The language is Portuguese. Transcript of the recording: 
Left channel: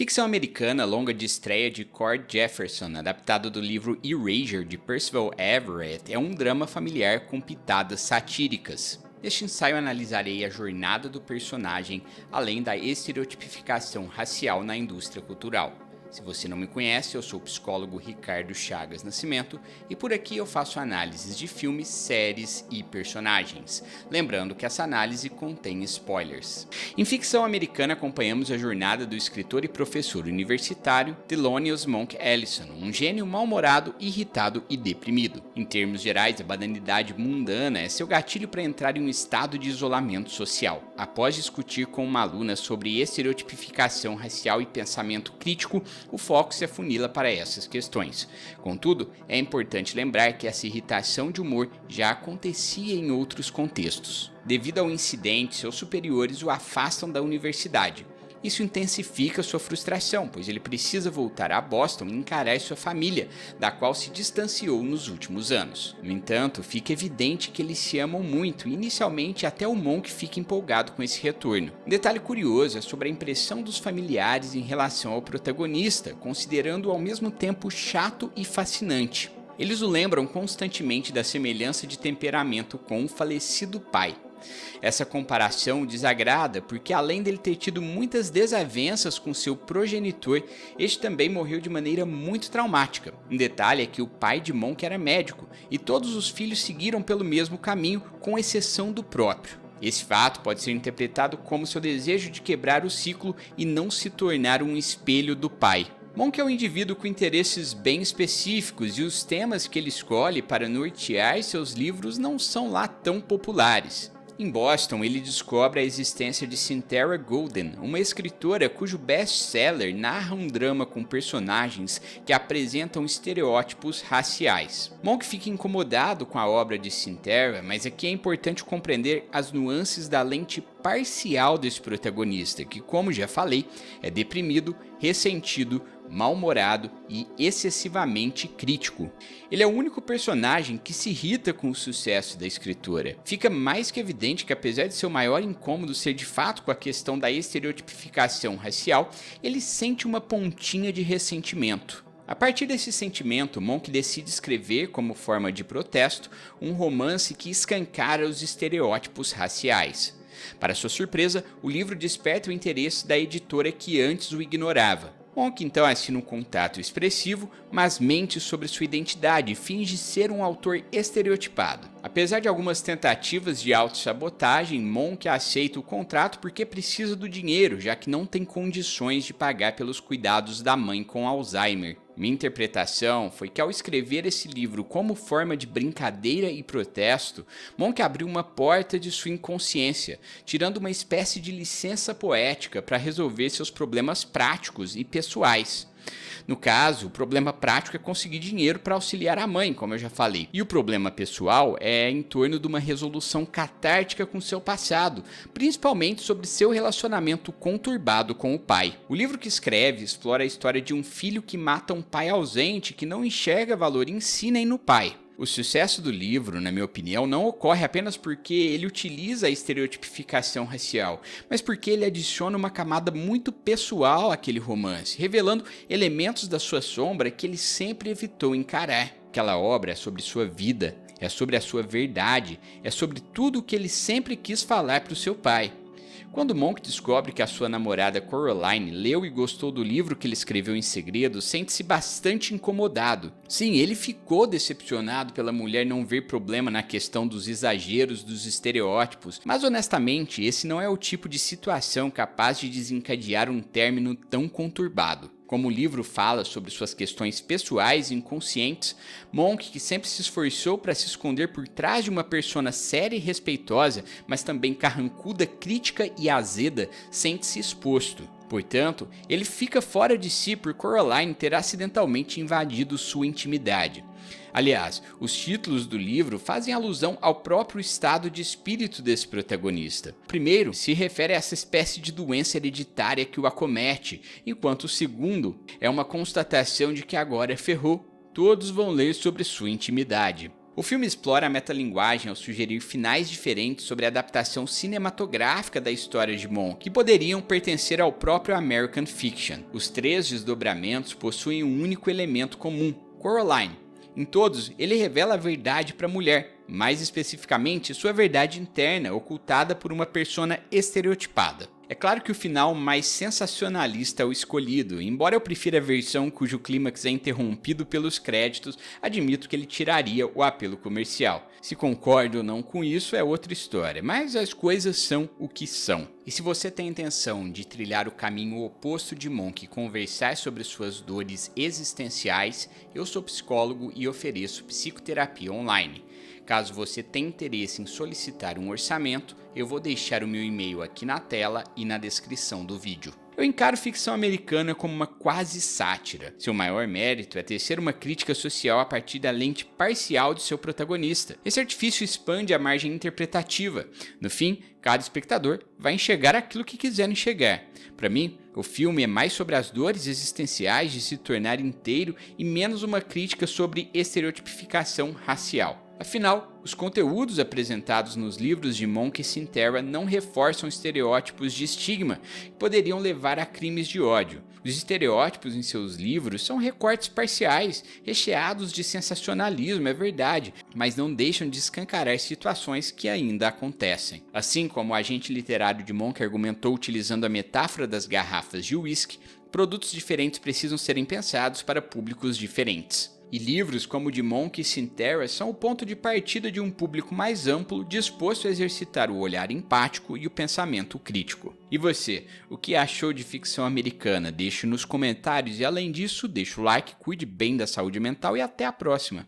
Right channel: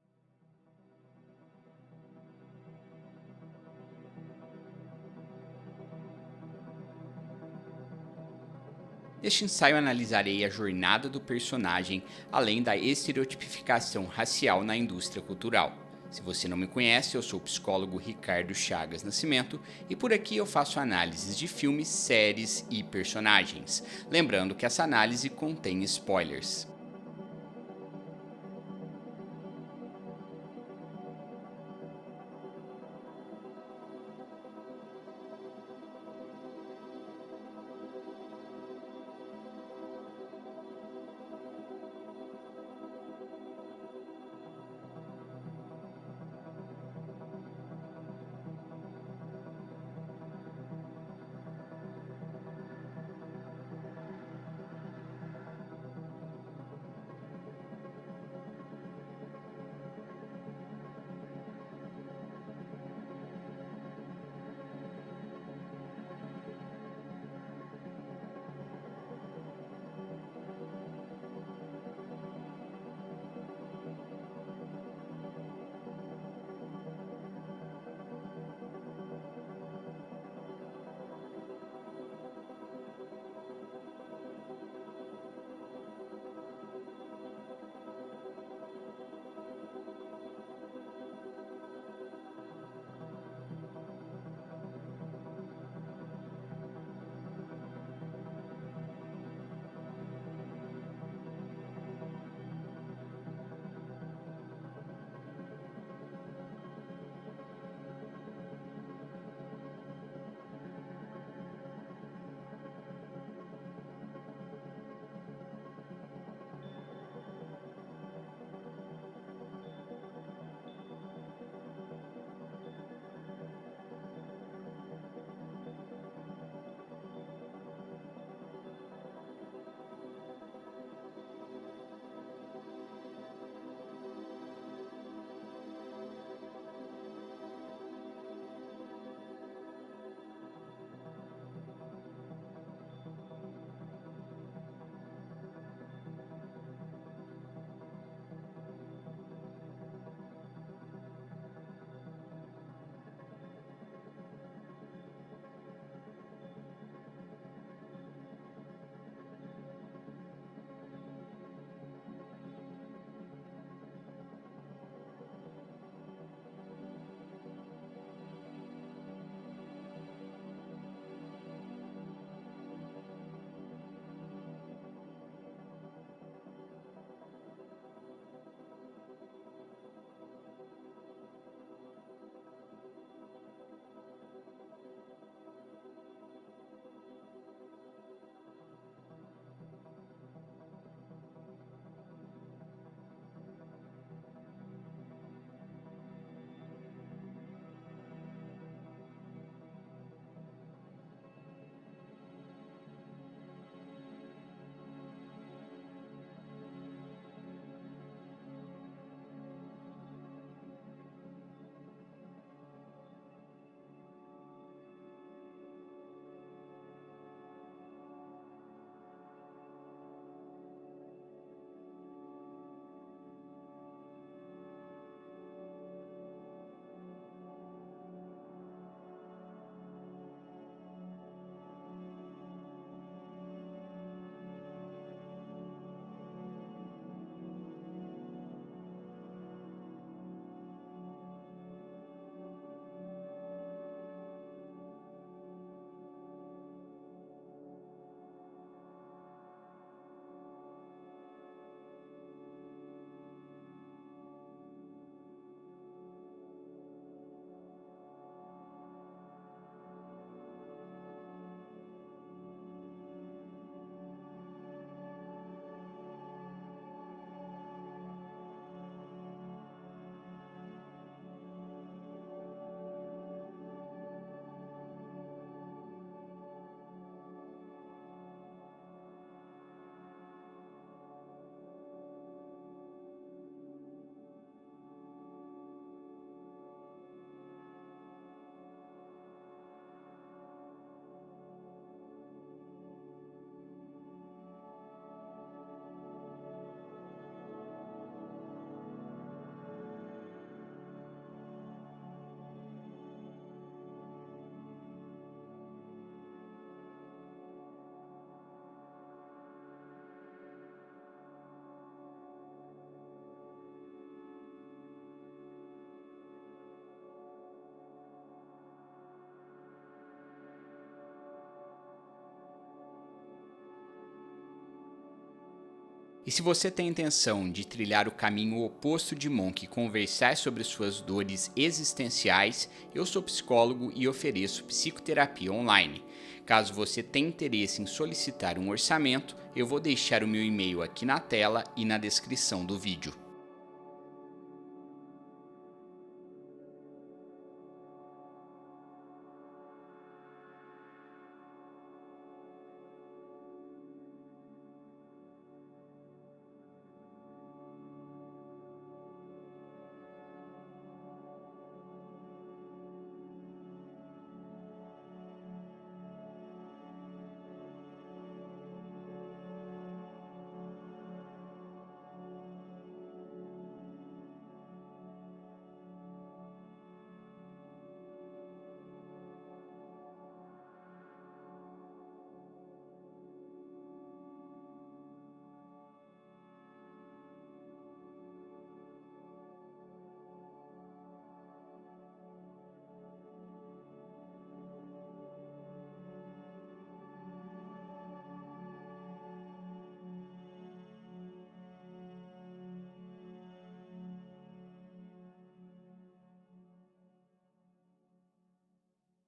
Ficção americana longa de estreia de Cord Jefferson, adaptado do livro Erasure de Percival Everett, é um drama familiar com pitadas satíricas. Neste ensaio analisarei a jornada do personagem, além da estereotipificação racial na indústria cultural. Se você não me conhece, eu sou o psicólogo Ricardo Chagas Nascimento e por aqui eu faço análises de filmes, séries e personagens. Lembrando que essa análise contém spoilers. Em ficção americana acompanhamos a jornada do escritor e professor universitário Thelonious Monk Ellison, um gênio mal-humorado, irritado e deprimido. Em termos gerais, a banalidade mundana é seu gatilho para entrar em um estado de isolamento social. Após discutir com uma aluna sobre estereotipificação racial e pensamento crítico, o foco se afunila para essas questões. Contudo, é importante lembrar que essa irritação de humor já acontecia em outros contextos. Devido ao incidente, seus superiores o afastam da universidade. Isso intensifica sua frustração, pois ele precisa voltar a Boston e encarar sua família, da qual se distanciou nos últimos anos. No entanto, fica evidente que eles se amam muito e inicialmente até o Monk fica empolgado com esse retorno. Um detalhe curioso é sobre a impressão dos familiares em relação ao protagonista, considerando-o ao mesmo tempo chato e fascinante. Eles o lembram constantemente da semelhança de temperamento com o falecido pai. Essa comparação o desagrada porque, além dele ter tido muitas desavenças com seu progenitor, este também morreu de maneira muito traumática. Um detalhe é que o pai de Monk era médico e todos os filhos seguiram pelo mesmo caminho, com exceção do próprio. Esse fato pode ser interpretado como seu desejo de quebrar o ciclo e não se tornar um espelho do pai. Monk é um indivíduo com interesses bem específicos e os temas que ele escolhe para nortear seus livros não são lá tão populares. Em Boston, ele descobre a existência de Cynthia Golden, uma escritora cujo best-seller narra um drama com personagens que apresentam estereótipos raciais. Monk fica incomodado com a obra de Cynthia, mas aqui é importante compreender as nuances da lente parcial desse protagonista, que, como já falei, é deprimido, ressentido, mal-humorado e excessivamente crítico. Ele é o único personagem que se irrita com o sucesso da escritora. Fica mais que evidente que, apesar de seu maior incômodo ser de fato com a questão da estereotipificação racial, ele sente uma pontinha de ressentimento. A partir desse sentimento, Monk decide escrever, como forma de protesto, um romance que escancara os estereótipos raciais. Para sua surpresa, o livro desperta o interesse da editora que antes o ignorava. Monk então assina um contrato expressivo, mas mente sobre sua identidade e finge ser um autor estereotipado. Apesar de algumas tentativas de autossabotagem, Monk aceita o contrato porque precisa do dinheiro, já que não tem condições de pagar pelos cuidados da mãe com Alzheimer. Minha interpretação foi que, ao escrever esse livro como forma de brincadeira e protesto, Monk abriu uma porta de sua inconsciência, tirando uma espécie de licença poética para resolver seus problemas práticos e pessoais. No caso, o problema prático é conseguir dinheiro para auxiliar a mãe, como eu já falei. E o problema pessoal é em torno de uma resolução catártica com seu passado, principalmente sobre seu relacionamento conturbado com o pai. O livro que escreve explora a história de um filho que mata um pai ausente que não enxerga valor em si nem no pai. O sucesso do livro, na minha opinião, não ocorre apenas porque ele utiliza a estereotipificação racial, mas porque ele adiciona uma camada muito pessoal àquele romance, revelando elementos da sua sombra que ele sempre evitou encarar. Aquela obra é sobre sua vida, é sobre a sua verdade, é sobre tudo o que ele sempre quis falar para o seu pai. Quando Monk descobre que a sua namorada Coraline leu e gostou do livro que ele escreveu em segredo, sente-se bastante incomodado. Sim, ele ficou decepcionado pela mulher não ver problema na questão dos exageros dos estereótipos, mas honestamente esse não é o tipo de situação capaz de desencadear um término tão conturbado. Como o livro fala sobre suas questões pessoais e inconscientes, Monk, que sempre se esforçou para se esconder por trás de uma persona séria e respeitosa, mas também carrancuda, crítica e azeda, sente-se exposto. Portanto, ele fica fora de si por Coraline ter acidentalmente invadido sua intimidade. Aliás, os títulos do livro fazem alusão ao próprio estado de espírito desse protagonista. O primeiro se refere a essa espécie de doença hereditária que o acomete, enquanto o segundo é uma constatação de que agora ferrou, todos vão ler sobre sua intimidade. O filme explora a metalinguagem ao sugerir finais diferentes sobre a adaptação cinematográfica da história de Monk, que poderiam pertencer ao próprio American Fiction. Os 3 desdobramentos possuem um único elemento comum: Coraline. Em todos, ele revela a verdade para a mulher, mais especificamente sua verdade interna, ocultada por uma persona estereotipada. É claro que o final mais sensacionalista é o escolhido. Embora eu prefira a versão cujo clímax é interrompido pelos créditos, admito que ele tiraria o apelo comercial. Se concordo ou não com isso é outra história, mas as coisas são o que são. E se você tem a intenção de trilhar o caminho oposto de Monk e conversar sobre suas dores existenciais, eu sou psicólogo e ofereço psicoterapia online. Caso você tenha interesse em solicitar um orçamento, eu vou deixar o meu e-mail aqui na tela e na descrição do vídeo. Eu encaro ficção americana como uma quase sátira. Seu maior mérito é tecer uma crítica social a partir da lente parcial de seu protagonista. Esse artifício expande a margem interpretativa. No fim, cada espectador vai enxergar aquilo que quiser enxergar. Para mim, o filme é mais sobre as dores existenciais de se tornar inteiro e menos uma crítica sobre estereotipificação racial. Afinal, os conteúdos apresentados nos livros de Monk e Sintera não reforçam estereótipos de estigma que poderiam levar a crimes de ódio. Os estereótipos em seus livros são recortes parciais, recheados de sensacionalismo, é verdade, mas não deixam de escancarar situações que ainda acontecem. Assim como o agente literário de Monk argumentou utilizando a metáfora das garrafas de uísque, produtos diferentes precisam serem pensados para públicos diferentes. E livros como o de Monk e Sintera são o ponto de partida de um público mais amplo disposto a exercitar o olhar empático e o pensamento crítico. E você, o que achou de ficção americana? Deixe nos comentários e além disso, deixa o like, cuide bem da saúde mental e até a próxima!